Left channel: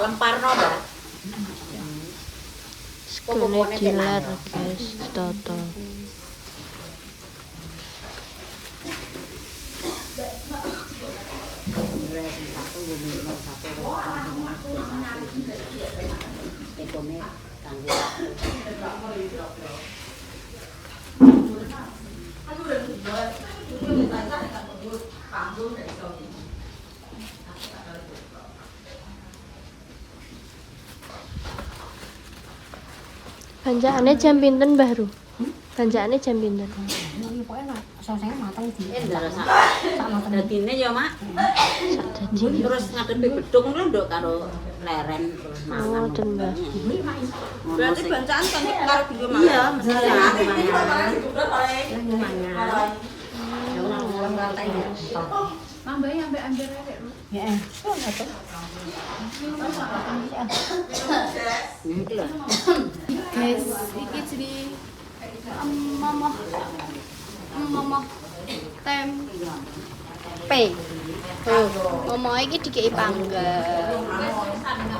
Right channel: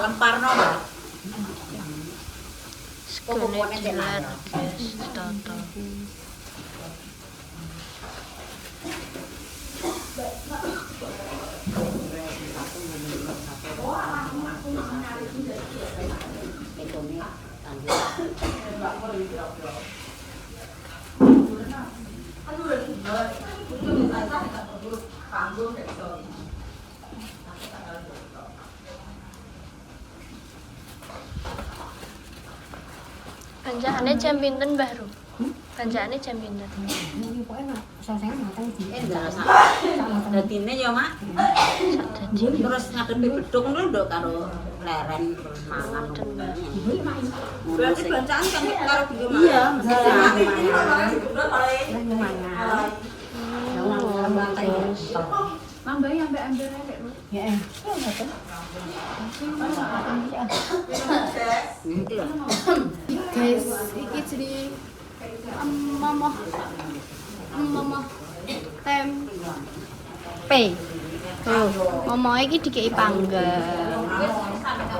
Lemparno, Mbak. Sekene dilar guys, toto. Banjakane jam pinten, Mbah Ru? Banjakane jam pinten? Ini pokoknya saya matang di. Dadine ya, Mak. Sak dadi. Terus ngadepi gedung lho nduk karo leren terus Oh, mangan. den, Mbah. Berarti bancaan kan karo dhewe mangan. Iya, mesti Mangga yang mbak ember lu. Ya. Guys, iki jenenge momoh tempe. Momoh iki dikei panggang.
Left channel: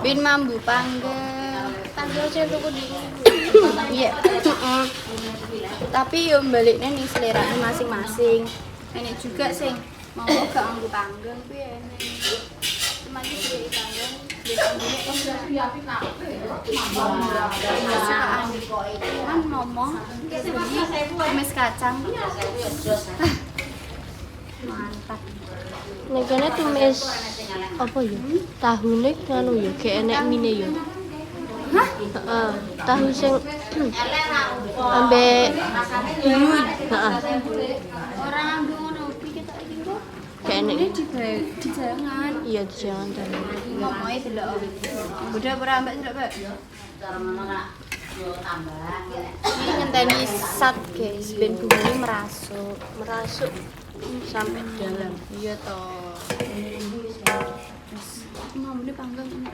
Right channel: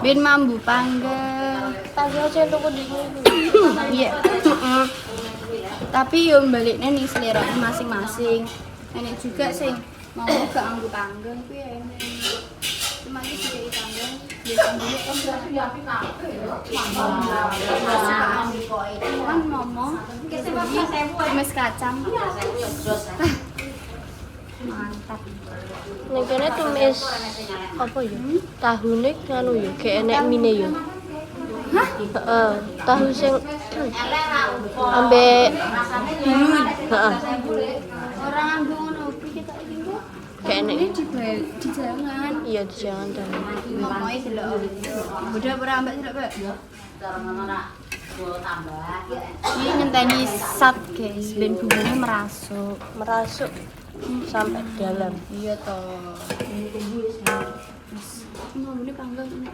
Ben mambu panggang. Tanggal sing tuku di Iya. Tapi yo baliknya nih selera masing-masing. Enak juga sing mau gak anggo panggang kuwi enak. Cuma iki dikei panggang, ben ambune kan momoh tumis kacang. Mantap. ning kene tumis apa ya? Tahune nganu ya, gek enek mine ya. Hah? Heeh, tahu sing ambek Bihun. heeh, Orang anggo ngono iki ketok iki kok. gek enek. Di jangan. Iya, jangan tahu. Momohe delok. Beda ora ambek delok, Pak. Ini ngenteni sat guys, ben bumbunya merasuk. Merasuk sampai dalam. Iya toh. Mau ini panggang ini.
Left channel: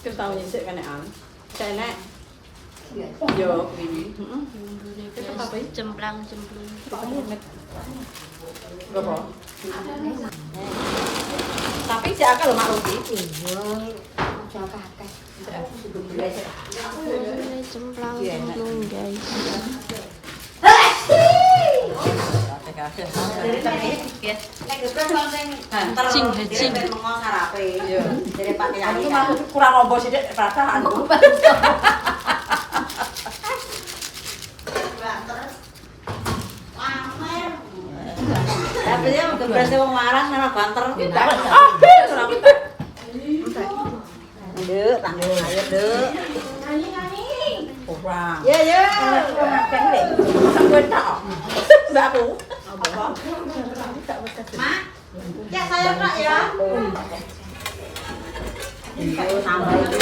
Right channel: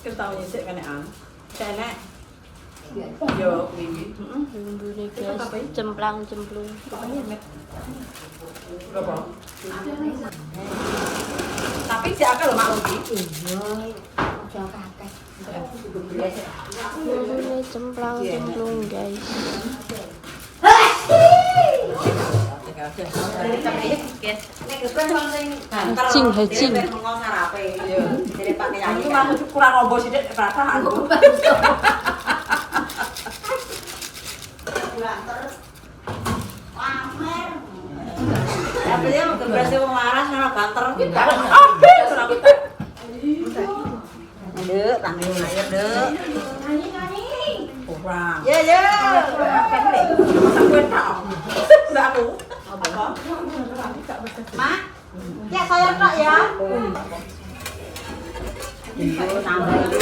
Ketawanya sik kenekan. Kenek. Yo wingi. Bumbune guys, cemplang-cemplung. Apa? Tapi si akeh lho mak ugi. Bumbune cemplang-cemplung guys. Hajing, hajing. Jadi pakai nyanyi. Kurang robo sithik perasaan. Tapi dia berasa wong marah sama banter. Nduk, tanggul ayo, Nduk. Kurang. Ya, ya. Kan deh. Sampeyan tak. Mbak aku. Apa? Mak. Ya saya tak ya. Itu tambah itu.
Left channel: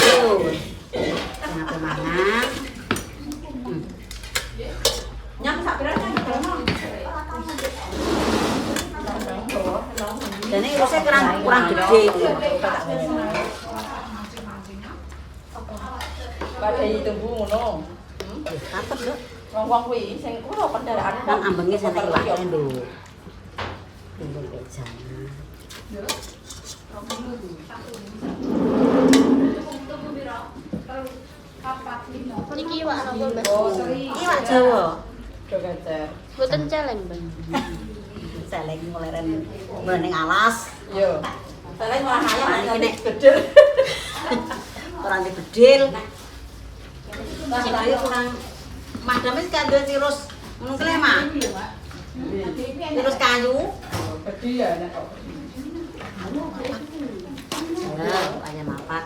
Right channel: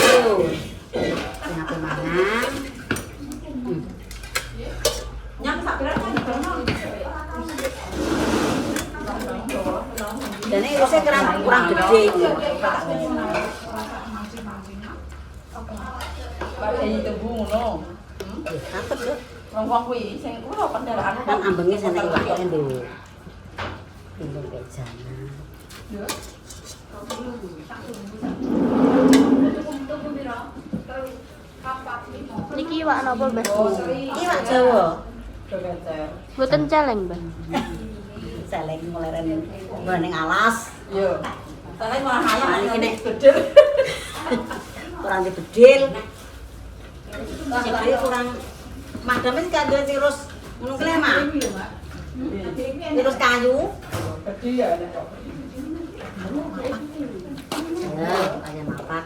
Kenapa mana? Nyam sak pirang dan ini urusnya kurang gede itu. Ini tebu ngono. Kapet lho. Wong kuwi sing kuwi apa kendaraan kan ambenge sana iwake lho. Timbul kejana. Niki iwak napa, Mbak? Iwak Jawa. Mboten celeng, Mbak. Celeng meleren ning alas. Yo. Celeng malah ayam iki nek bedil. kurang dibedil. Jadi kurang madame sik kandha tirus ngono kuwi mah. Tirus kayu. Bedil ya nek kok. Ya, ayam mapak.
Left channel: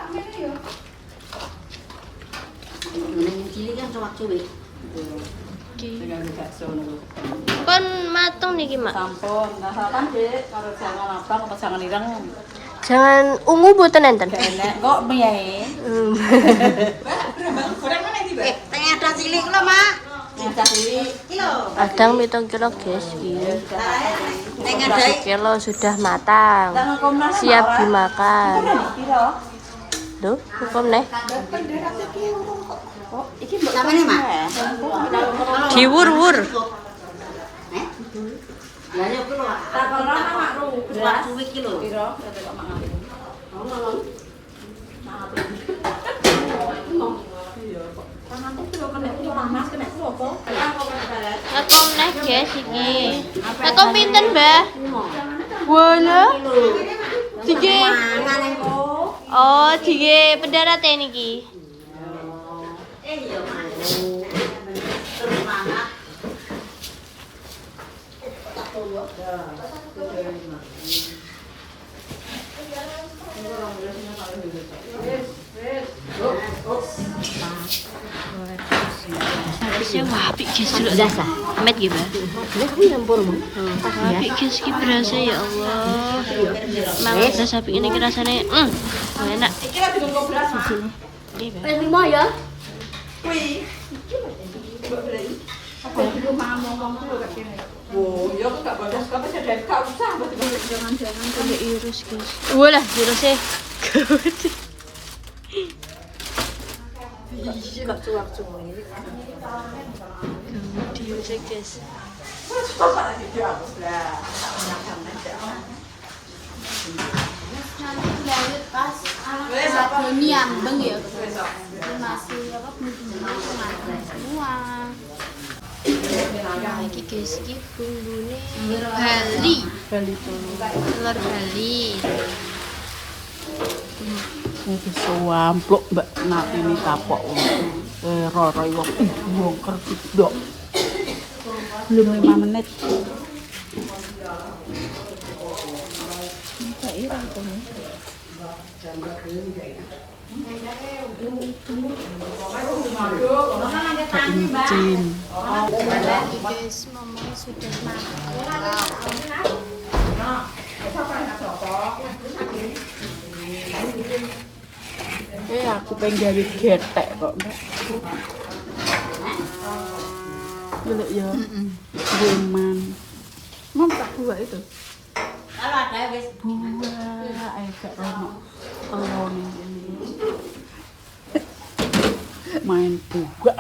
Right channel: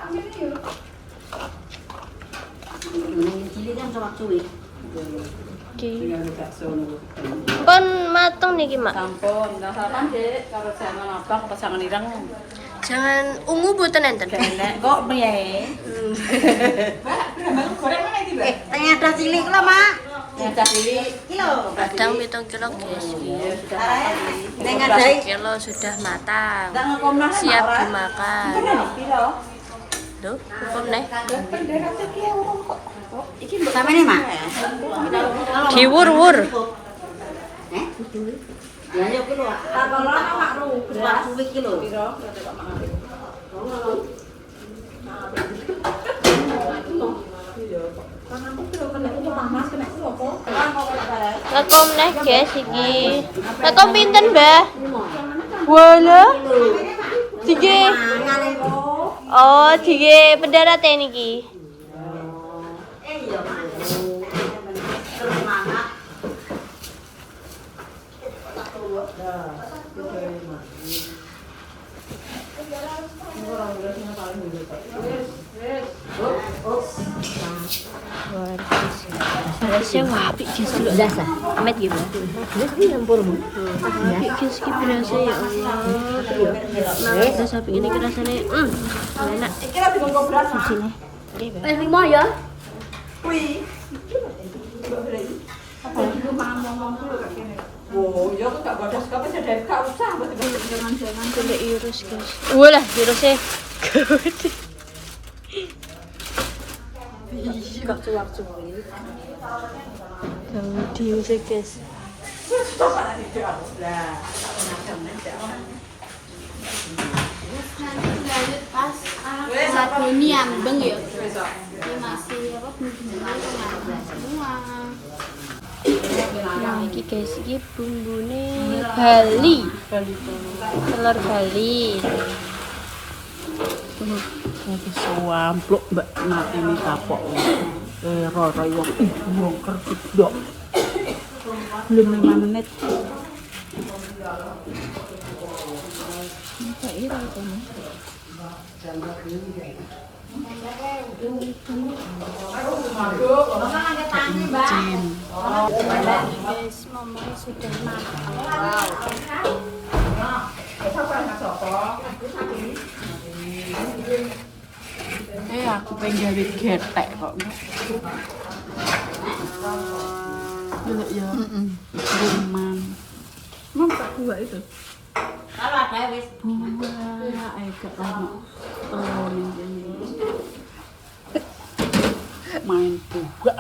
Neng cilik kan cuwak-cuwik. Oke. Dengan bakso niku. Pun mateng niki, Mak. Sampun, nah sapan Dik, kalau jangan abang pasangan ireng Jangan ungu boten enten. gak enak kok piye. Tengah ada cilik lho, Mak. Yang tadi Kadang 7 kilo, guys. Tengah 12 kilo sudah matang. nang Komnas Siap dimakan. piro? Duh, hukum nih. Sampe nih, Mak. Diwur-wur. Eh? Lah yo ku lho. Cuwak-cuwik ki lho. Piro? Kok mangan. Rekom nih, guys, iki. Rekom pinten, Mbah? Wala. Dige. Oh, dige pendarat niki. Saya apik guys dulu. Biasa. Amet gitu. Ini campur, Mak. Apik guys ki berasa ya Allah. Mangan das apik ini rasane enak. Oke, Lima ya. Oh, yo gak bodas kok wis ada gak usah Jangan-jangan Kulit virus guys. Walah virusnya. Kok cuwak-cuwik. Kamu diusik guys. nanti lanjut pas Doni ambeng ya. Ini masih apa bumbunya tuh matang semua. Nah, iki guys iki bumbune Bali. Telur Bali. Suampluk mbak ngatini kapok roro wong wong kerjit dok belum 5 menit tak ira itu Guys, mama sudah makan. aku pengen jadi getek kok dulu ya Reman ngomong dua itu dua agak rano ini main juga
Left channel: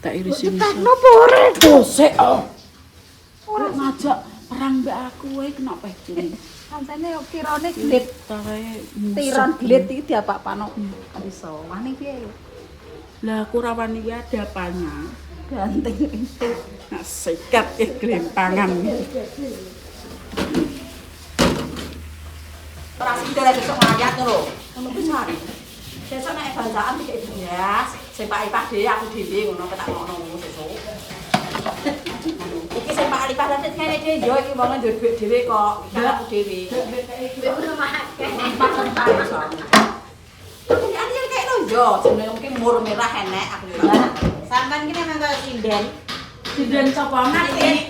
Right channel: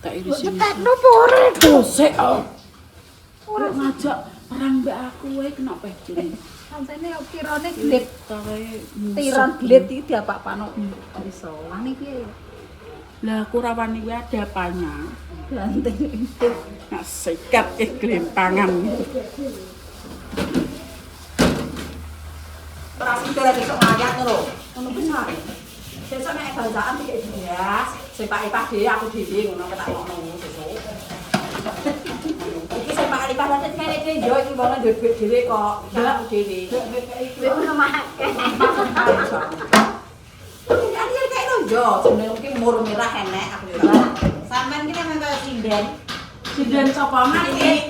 tak irisin dosek orang ngajak perang mbak aku kena pecin Sampai yo pirone glit. tiron glit iki diapa-apano Iso wani piye? lah kurawani iki ada apanya ganti nak sikat kelimpangan Terus itu lagi sok ngayat lho. Ngono ku sare. Sesuk nek bandaan iki bias, sing Pak dhewe aku dhewe ngono ketak ngono sesuk. Iki sing Pak Ipah dadi kene iki yo iki wong duwe duit dhewe kok, aku dhewe. Iki anil kae lho yo, jenenge iki mur merah enek aku yo. Sampeyan iki memang kaya sinden. sinden sapa mati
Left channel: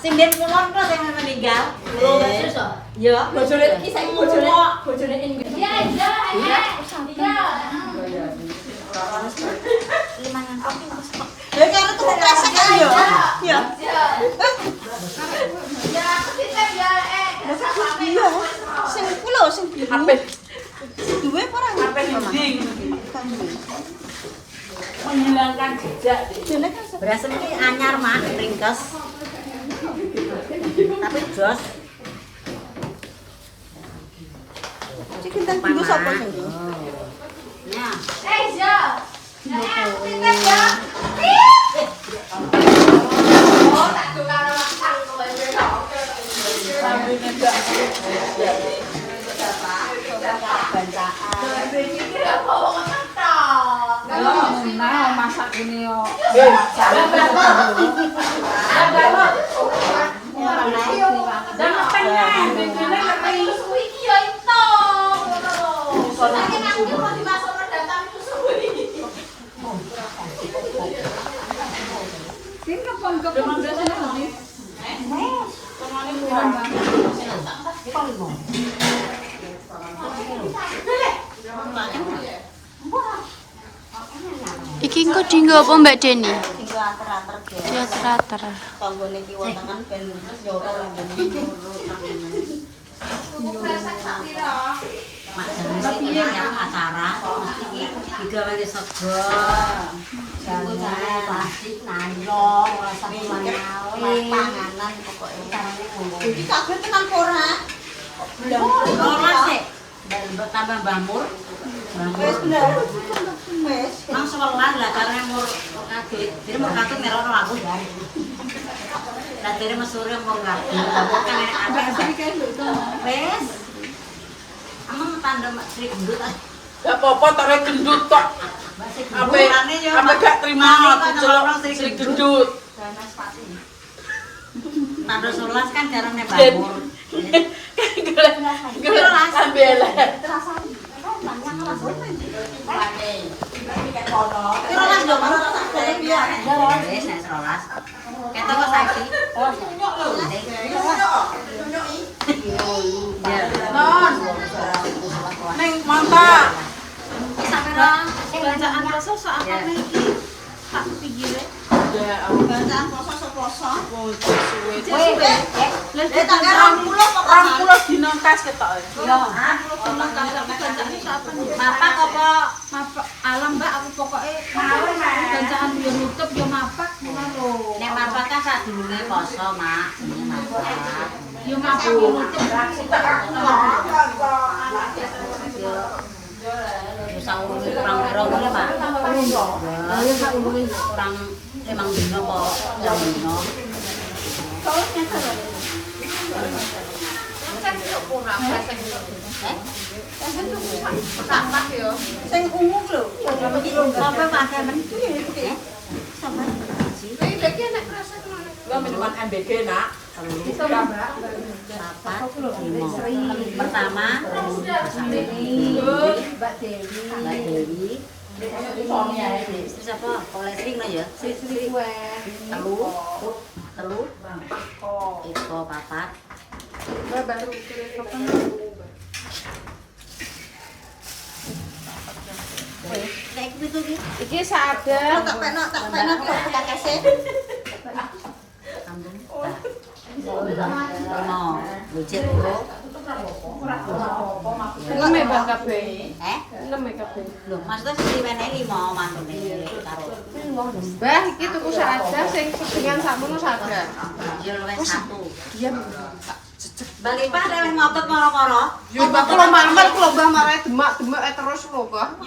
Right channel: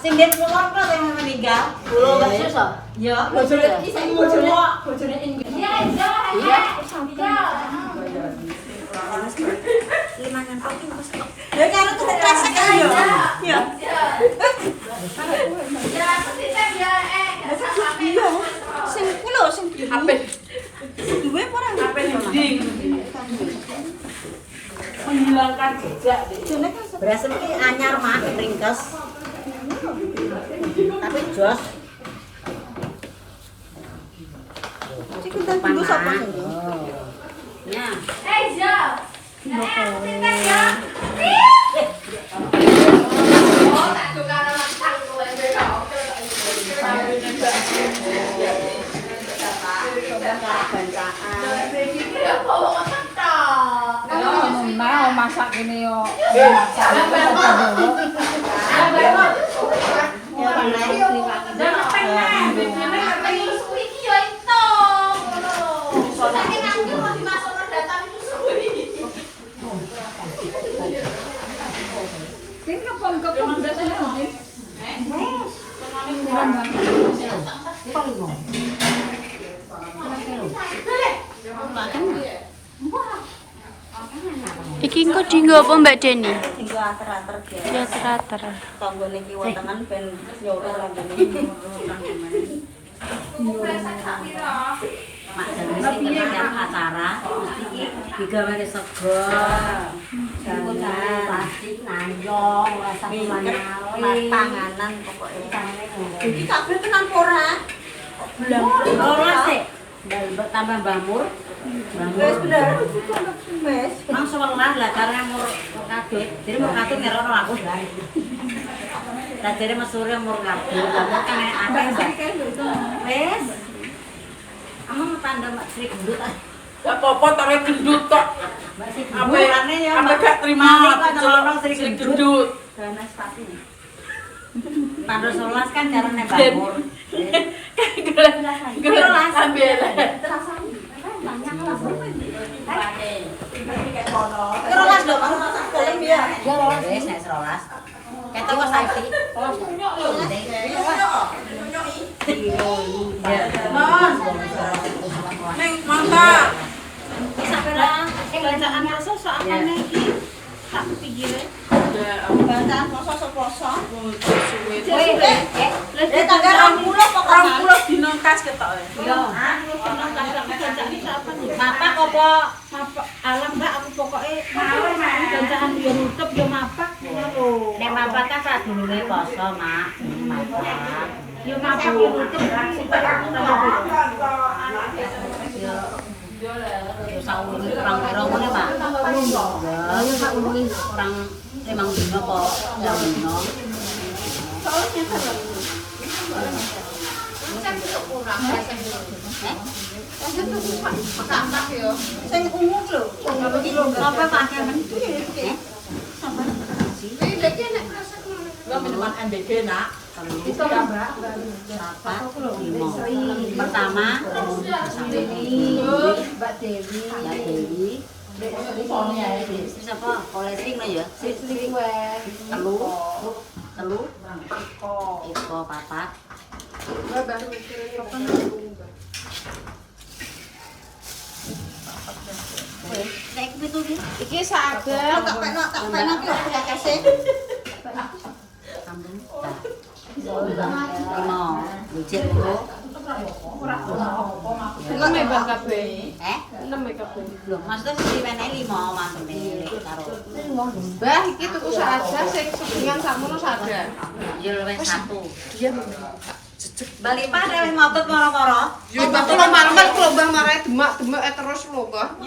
Sinden kulon kok sing meninggal. Yo, bojone iki saiki bojone lha karo tuh resek yo. Ya. Sing ku lho sing biru. ape Duwe kurang ape dinding menghilangkan jejak beras iki anyar mah ringkes. Tapi jos. Iki kita dulu sapa sing. Ya. nah masak ini yo Iki engko dienggo apa Mbak Deni? Tinggo ater-ater ge. Dia terater. Kanggo niki wontenan ben yo ora lambene. Mak jane sing tiap acara iki digawe sego. Jangan plastik nayong ora sampe tanganan pokoke. Iki kabeh tenan ora? Belum. Ora sih. Tambah bamur. Bamur. Wes, mang sewelas lah karena mur kadut. Jadi mur kadut ngerono aku. Lah jare mesure mur kadut. Lah kan akeh, Mbak. Wes. Amang tanda mak Sri gendut. Gak apa-apa tare gendut kok. Amane ya. Apa gak terima orang Sri gendut. Ganas pati. Tanda 11 kan jarane bamur. Gelas bela. Kerolas lho, baru tak ya. Wes nek 11. Ketok kok saiki. Non. Ning mantap. Sampai bacaan poso sak akone iki tak pikire. Bacaan poso poso. Wis tanggal 20 pokoknya 20 dina kas ketok. Yo, 20 dina kas tapi bacaane sapa nih? Mapak apa? Mapak alam Mbak aku pokoknya bacaan dia nutup dia mapak lho. Nek mapak kan sadurunge poso, Mak. Mapak. Dia mapak dia nutup Yo. Saung kurang piro ngene, Pak? Ya, kurang emang dino kok, yang dino. Sing ungu ki lho. Apa pakai men iki? Sabar. Lah minuman MBG, Nak. Pertama, Mbak Dewi. Mbak Dewi. Siapa? Kolesing lah ya. Telu. Iko papat. Kayak gitu ki. Iki saged. Tak peno tak kasih. Sambung. Lima. Bujet lho. Enam ya Mbak kabeh. Enam ya kabeh. Lho, maksudnya sing diwenehi 5 mantune karo. Mbah iki tuku saged sing sedengan sakmono saged. Jil wis 1. Balik Pak wis ngotot moro-moro. Ya Mbak kula marang kula Mbah marah demak-demak terus lho kok.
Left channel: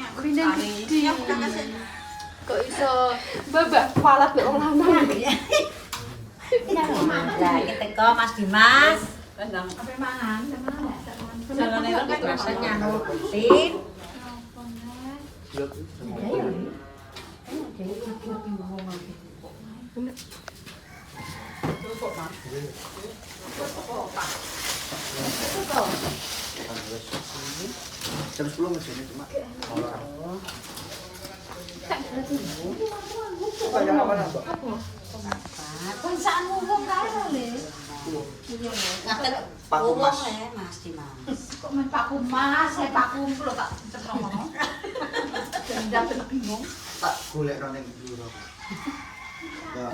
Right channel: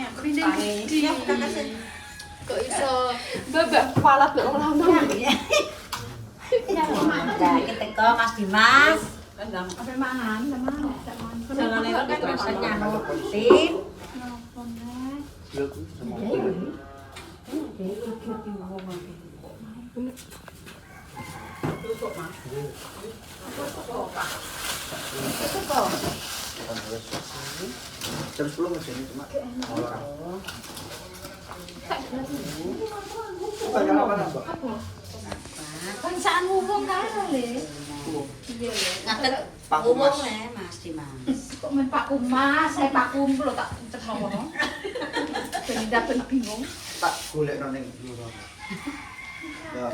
Kok iso babak kepala be wong lanang. Nah, iki teko Mas Dimas. Apa mangan sama Jalane kan rasanya nurutin. Jam 10 mesin cuma. Banyak apa Mbak? Bangsaan umum karo lho. Ngaten umum ya Mas Dimas. kok men Pak Kumas, saya Pak Kumpul tak cepet ngono. Ben dapen bingung. Tak golekno ning Bluro.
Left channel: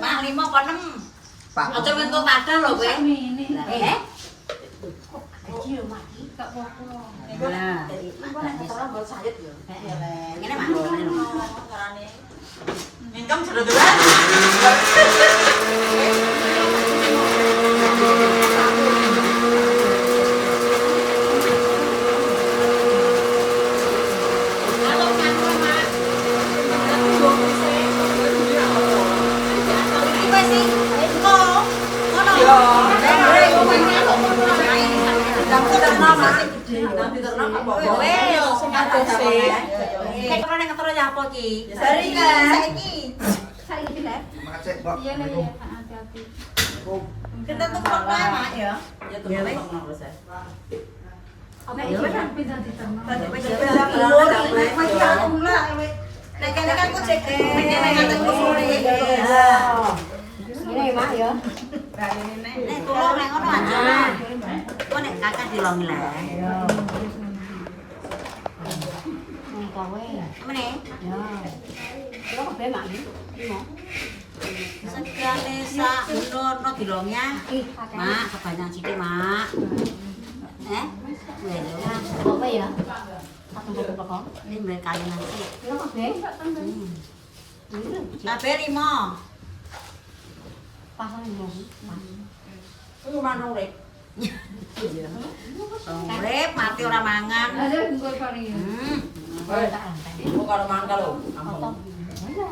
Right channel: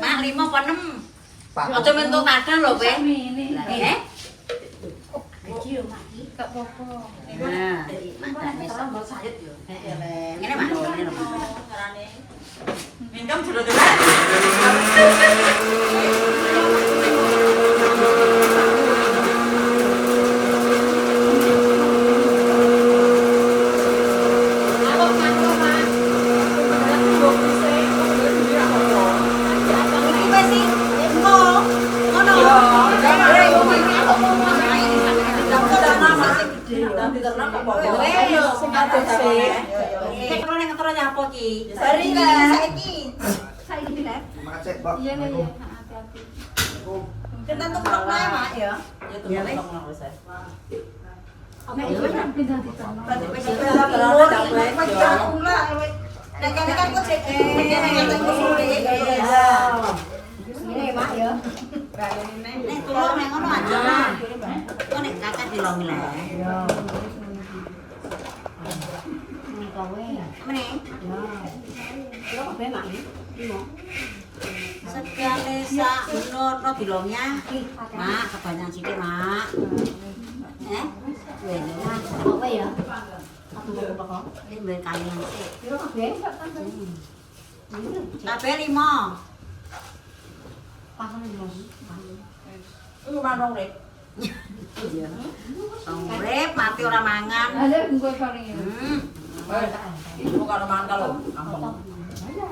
Mak 5 apa 6? Pak. Aja mentuk kadang lho kowe. Lah, Iki yo mati, gak apa-apa. Nah, Mbak sayet yo. ngene Mas, ngene lho. Mingkem jero-jero. Saiki lek. Macet, Mbak. Iya nih ya, hati-hati. Kita tuh Mak ya. Ya temen ngono saya. Nek iki kan pindah di tengah. Nek kan kok cek. Nek kan kok sore. ya, Mak ya. Nek tulung nek ngono aja, Mak. Kok nek kakak dilongi lah. Iya. Nek kowe. Mene? Ya. Kira kabeh Mak iki. Iya. Segale sak menurno dilongnya. Mak, kebanyakan sithik, Mak. Kowe ya. Aku mbok kok. Ini mbek kayu nanti. Kira kabeh? Kabeh 5. Pasang lagi. Iku manung rek. Iya. Urip mati ora mangan. Ada gue paling. Iku karo mangan kalau ampun.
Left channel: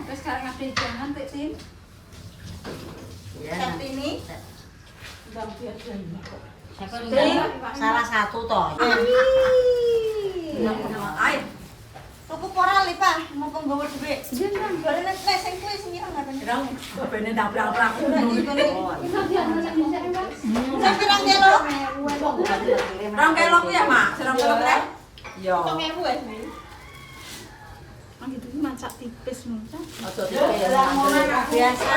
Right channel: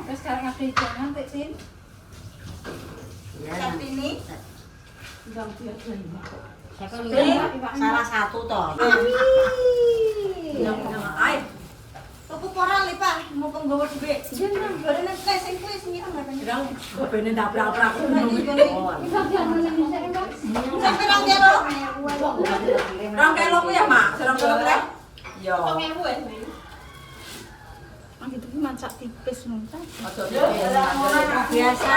Terus sekarang ada jangan Pak Sin. Ya. Ini. Salah satu toh. Ayo. Cukup ora li, Pak. Mumpung gawe dhuwit. Jeneng barene nek sing kuwi sing ora ngoten. Kira bene ndaprak-aprak. Sampai 2 kilo. 2 kilo ku ya, Mak? 2 kilo ya? Iya. Gitu ki mancak tipis nuncan. Biasa.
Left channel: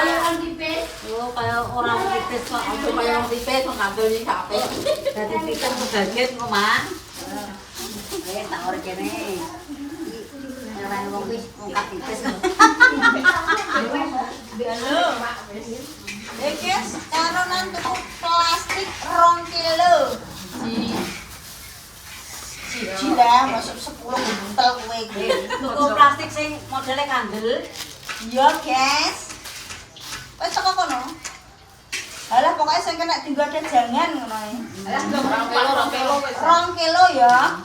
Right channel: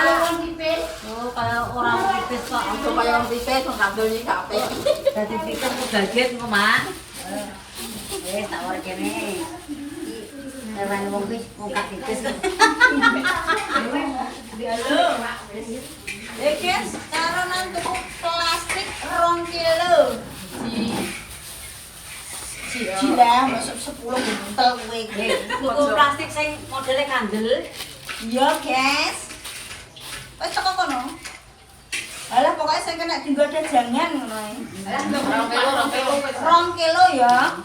Oh, kalau orang tipis kok Supaya yang tipis kok kandel iki gak apik. dadi pikir kebaget kok, Mak. Tak ora kene. Karena wong wis ngungkap tipis. Guys, karo nang tuku plastik 2 kilo. Siji lah, masuk 10 buntel kowe iki. Tuku plastik sing modele kandel. Iya, guys. Wes teko kono. Alah pokoknya sing kena dienggo ada jangan ngono ae. Alah 2 kilo ya.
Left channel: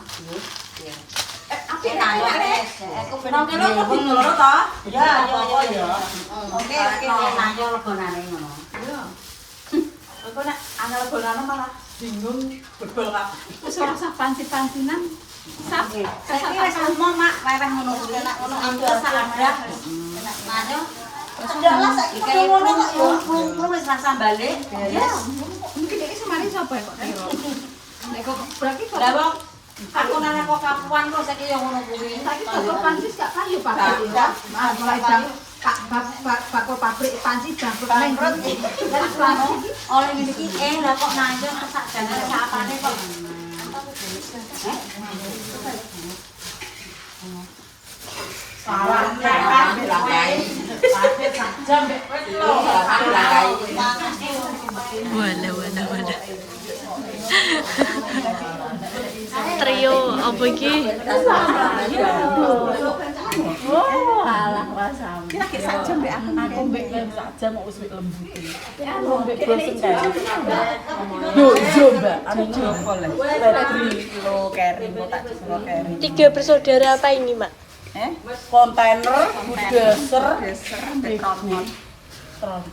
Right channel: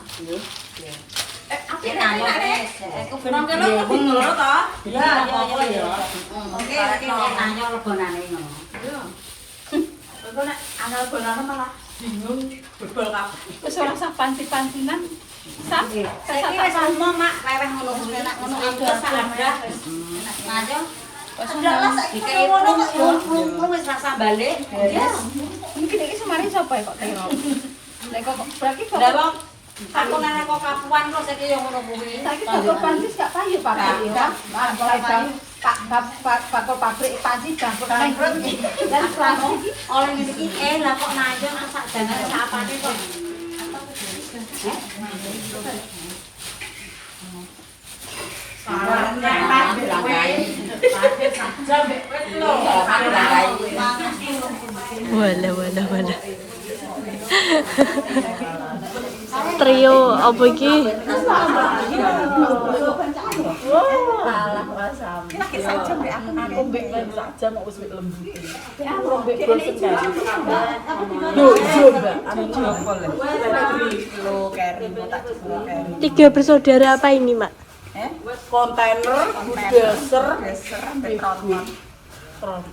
Aku nanya guys. Aku bener kilo kok dingloro to? Ya, apa ya. Oke, nanya lebonane ngono. Engko nek ana bolane malah bingung bebol kak. Wis ora usah panci-pancinan. Sap. Saiki wis umum mak, weweh ngono kuwi nek ngono ambil salah. Nanya. Ada lah saiki ngono kok wis rasa balik. Ya. Mungkin iki semari sapa kok tero. Nek kok berarti kok Lah wong aku nang kok kapuan kok saiki yo ngono kuwi. saiki kok panci gak payu Pak ya. Mulai jam bakal pabrik panci bangkrut nang Dan selama oleh ngene iki lah kok nanjung sak jangane sak apane kok. Wala. Trio apa iki? Kira sajam nek aku mbek sajam kok wis lembutin. Aku mbek bosen kae. Yo, Mbak, anu jempol. 3 kilo kering kok tak jebol kering. 3 bersaudara apa ini, Mak? Kontainer, bulldozer, tronton.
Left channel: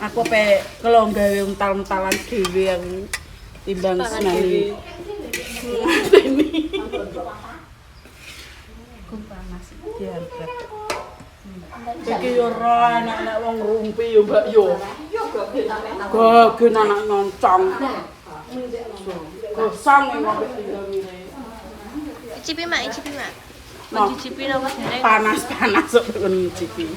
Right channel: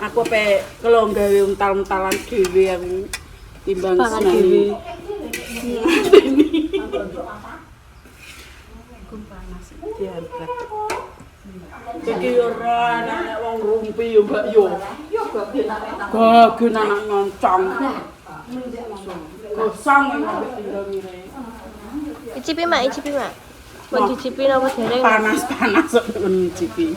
Aku pe kelong gawe untal-untalan dhewe aku timbang Pangan seneng. dhewe. Diangkat. Iki yo ora anak wong rumpi yo, Mbak yo. Gagen anak nyoncong. Gosong ngombe tinggal ngene. Icipi, Mak. Mau dicipi apa dereng? Panas-panas kok ngicipi.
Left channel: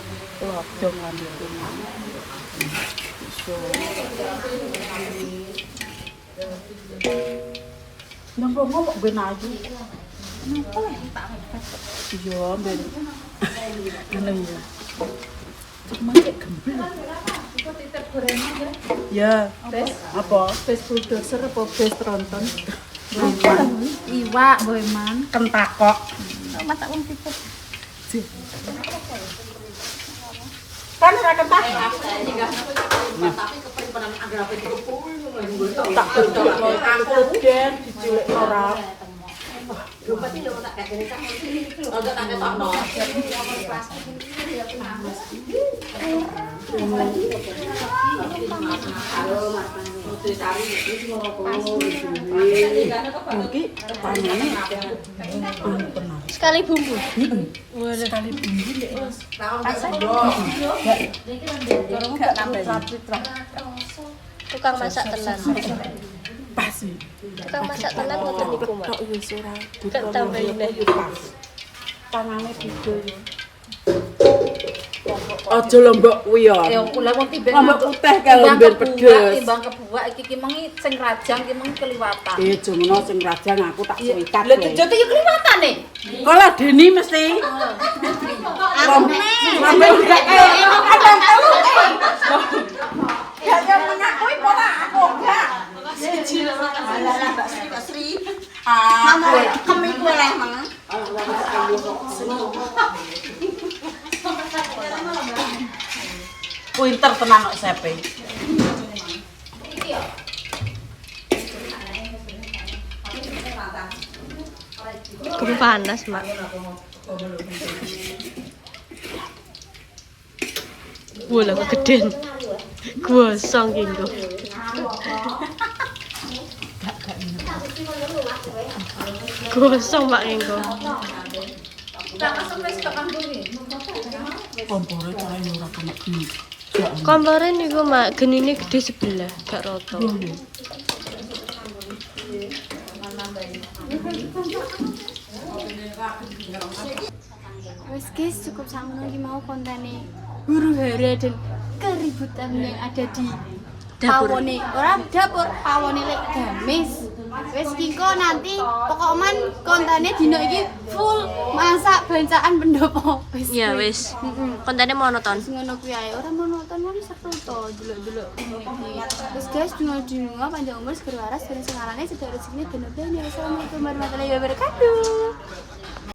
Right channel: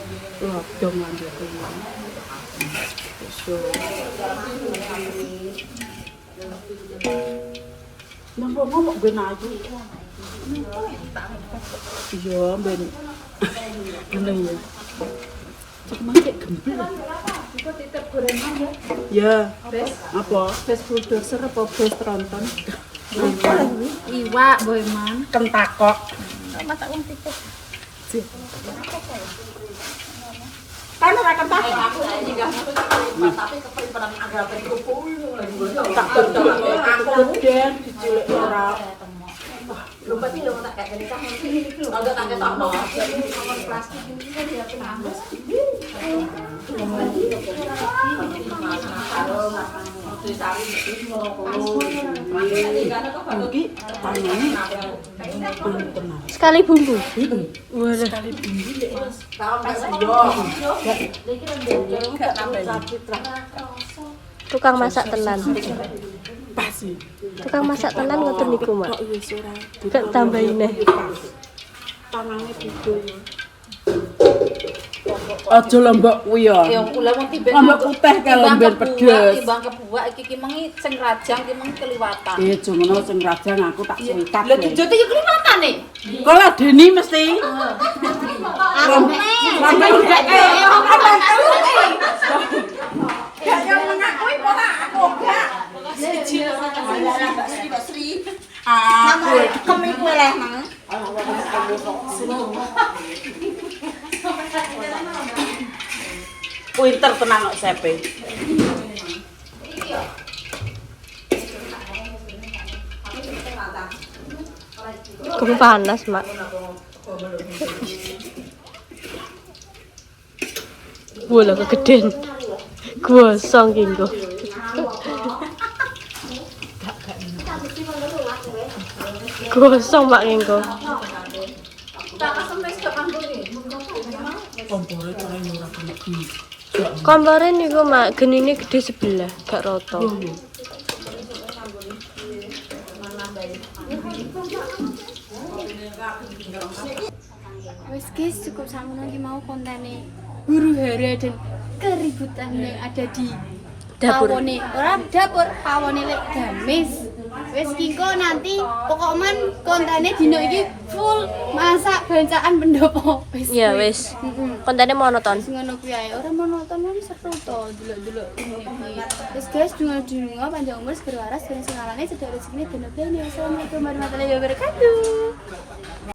Nang ngomong gue naju. Iya, ben. Bener ya. Macet gemblek. Ya, apa? Bes bulldozer apa bes tronton? iwak boeman. Kentakok. Masak wong tipe. Kan ora kentakok. Tak tutup den dicilik ora. Mungkin panene tenang. Sekali bumbu. Sekali bumbu lek pas yo. Gak nambah citra. Tukang masak tenan. Pas sih. Tukang masak tenan ngoten niku, Mak. Tok wis ora. Gak tambahin. Pas. Tangane dido yo. Aja lombok kuwi ya. Ya kula wong timbang Lombok putih kalau lembir pedes. timbang kebuak iki mengi sing rajang ki mengi keliwatan. Jomono sing rajang aku tak suwikat. Lha dijote ya keliwatan nih. Kok ladeni mesti. Pinter tenan kok sepe. Kamu panas, Mak. Bola kegedean. Gosong kinggo. Gosong Mak kinggo. Kompore cara ora kena bis. Kompore niku Mak, genine gede sebelah, gak rata. Wes guys, cukup sakmono iki mau kontene huru hara dan keributan yang ada di Dapur. pawone pawone lek gamis. Wes kiko nanti pokoknya kontene dino iki full masak bancaan pendopo. Ya wis. Kontene monoton. Sing ngono kuwi ae, ora monoton kan seru to delok-delok ini. Terus guys, dungo-dungo panjang umur segera waras ben sing alane cedhak rezekine ben obene. Assalamualaikum warahmatullahi wabarakatuh.